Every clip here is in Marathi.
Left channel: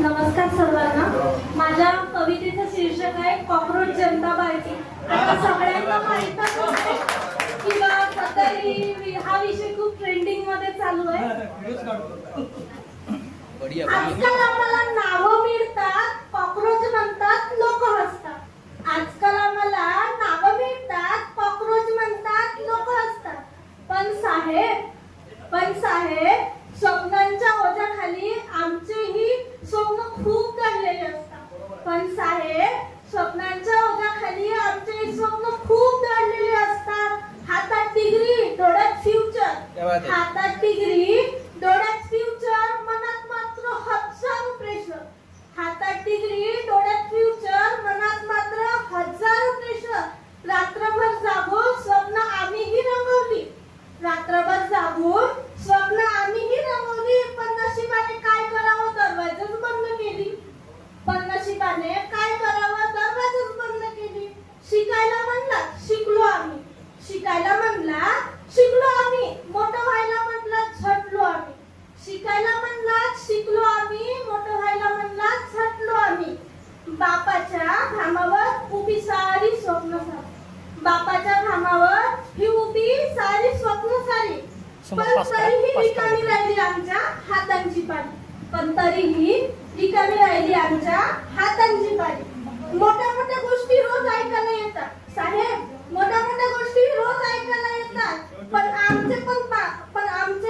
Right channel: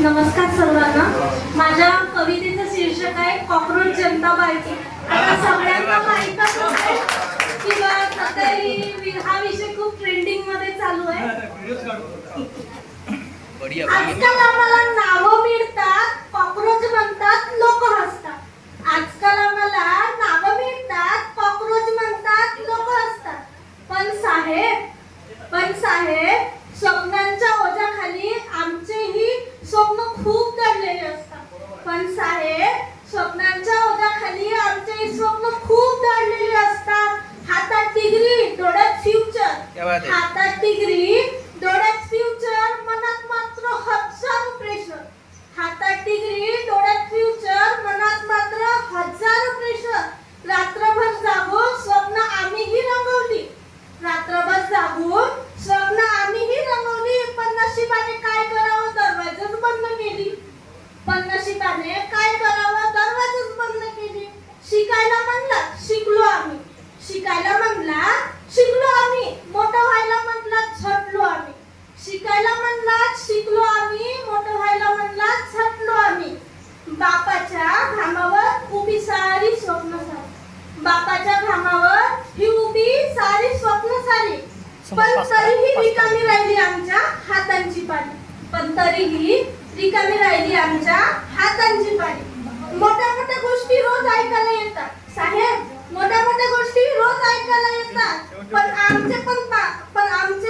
नमस्कार सर्वांना. माझ्या कवितेचं शीर्षक आहे कॉकरोच जनता पार्टी. आता सगळ्यांना माहीतच आहे किंवा सध्या हा विषय खूप ट्रेंडिंग मध्ये चालू आहे. आजकाल आम्हाला नावं मिळतात, कॉकरोच म्हणतात, लोक हसतात. आजकाल आम्हाला नावं मिळतात, कॉकरोच म्हणतात, लोक हसतात. पण साहेब स्वप्नांच्या ओझ्याखाली आमचेही स्वप्न खूप दडलेले असतात. पण साहेब स्वप्नांच्या ओझ्याखाली आमचेही स्वप्न खूप दडलेले असतात. हातात डिग्री, डोळ्यात फ्युचर. हातात डिग्री, डोळ्यात फ्युचर, मनात मात्र हजारो प्रेशर. हातात डिग्री, डोळ्यात फ्युचर, मनात मात्र हजारो प्रेशर. रात्रभर जागून स्वप्न आम्हीही रंगवली. रात्रभर जागून स्वप्न आम्हीही रंगवली. पण नशिबाने काय करावं, दरवाजाच बंद केली. पण नशिबाने काय करावं, दरवाजाच बंद केली. शिकायला म्हणला, शिकलो आम्ही. शिकायला म्हणला, शिकलो आम्ही. मोठं व्हायला म्हणला, झटलो आम्ही. शिकायला म्हणला, शिकलो आम्ही. मोठं व्हायला म्हणला, झटलो आम्ही. बापाच्या घामावर उभी सारी स्वप्न सारी. बापाच्या घामावर ही उभी सारी स्वप्न सारी. पण तरीही रिकामी राहिली आमच्या हातांची पाळी. पण तरीही रिकामी राहिली आमच्या हातांची पाळी. मोठ्या मोठ्या गोष्टी रोज ऐकायला येतात साहेब. मोठ्या मोठ्या गोष्टी रोज ऐकायला येतात. पण आमचे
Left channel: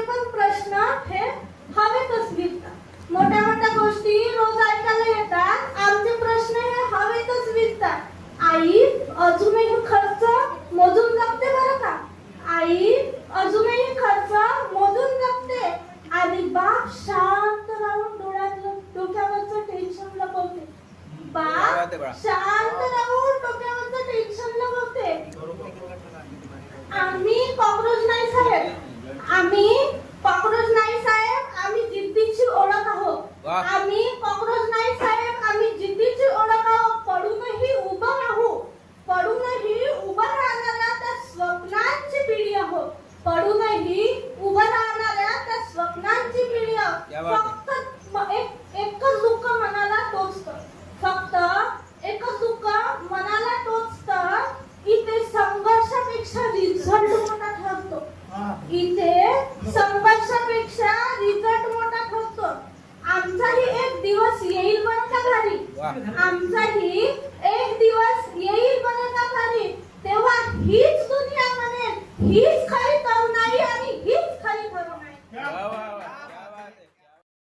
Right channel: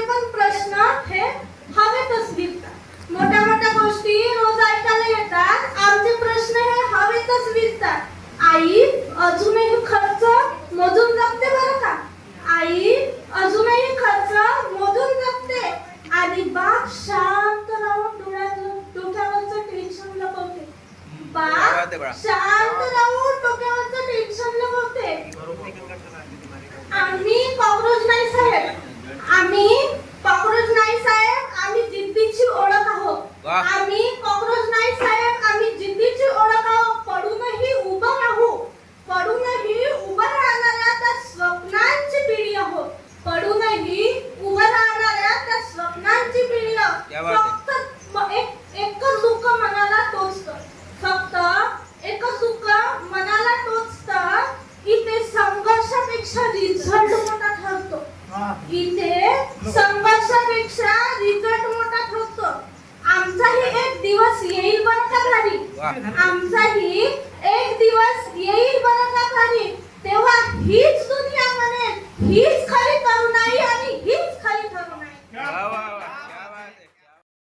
पण प्रश्न हे हवेतच विरतात. मोठ्या मोठ्या गोष्टी रोज ऐकायला येतात. आमचे प्रश्न हे हवेतच विरतात. आई अजूनही खर्च मोजून जगते बरं का. आई अजूनही खर्च मोजून जगते. आणि बाप शांत राहून डोक्यावरचं टेन्शन लपवते. बाप शांत राहून डोक्यावरचं टेन्शन लपवते. आम्ही कॉकरोच नाही साहेब. आम्ही कॉकरोच नाही साहेब. आम्ही जिद्दीची ओळख आहोत. आम्ही कॉकरोच नाही साहेब. आम्ही जिद्दीची ओळख आहोत. पडूनही उभं राहू. पडूनही उभं राहणाऱ्या त्या स्वप्नांची पिढी आहोत. पडूनही उभं राहणाऱ्या त्या स्वप्नांची पिढी आहोत. फक्त एकच दुःख मनाला टोचतं. फक्त एकच दुःख मनाला टोचतं. इथे संघर्षापेक्षा रिझल्ट मोठा ठरतो. इथे संघर्षापेक्षा रिझल्ट मोठा ठरतो. आमचाही एक दिवस येईल बरं का घरी. आमचाही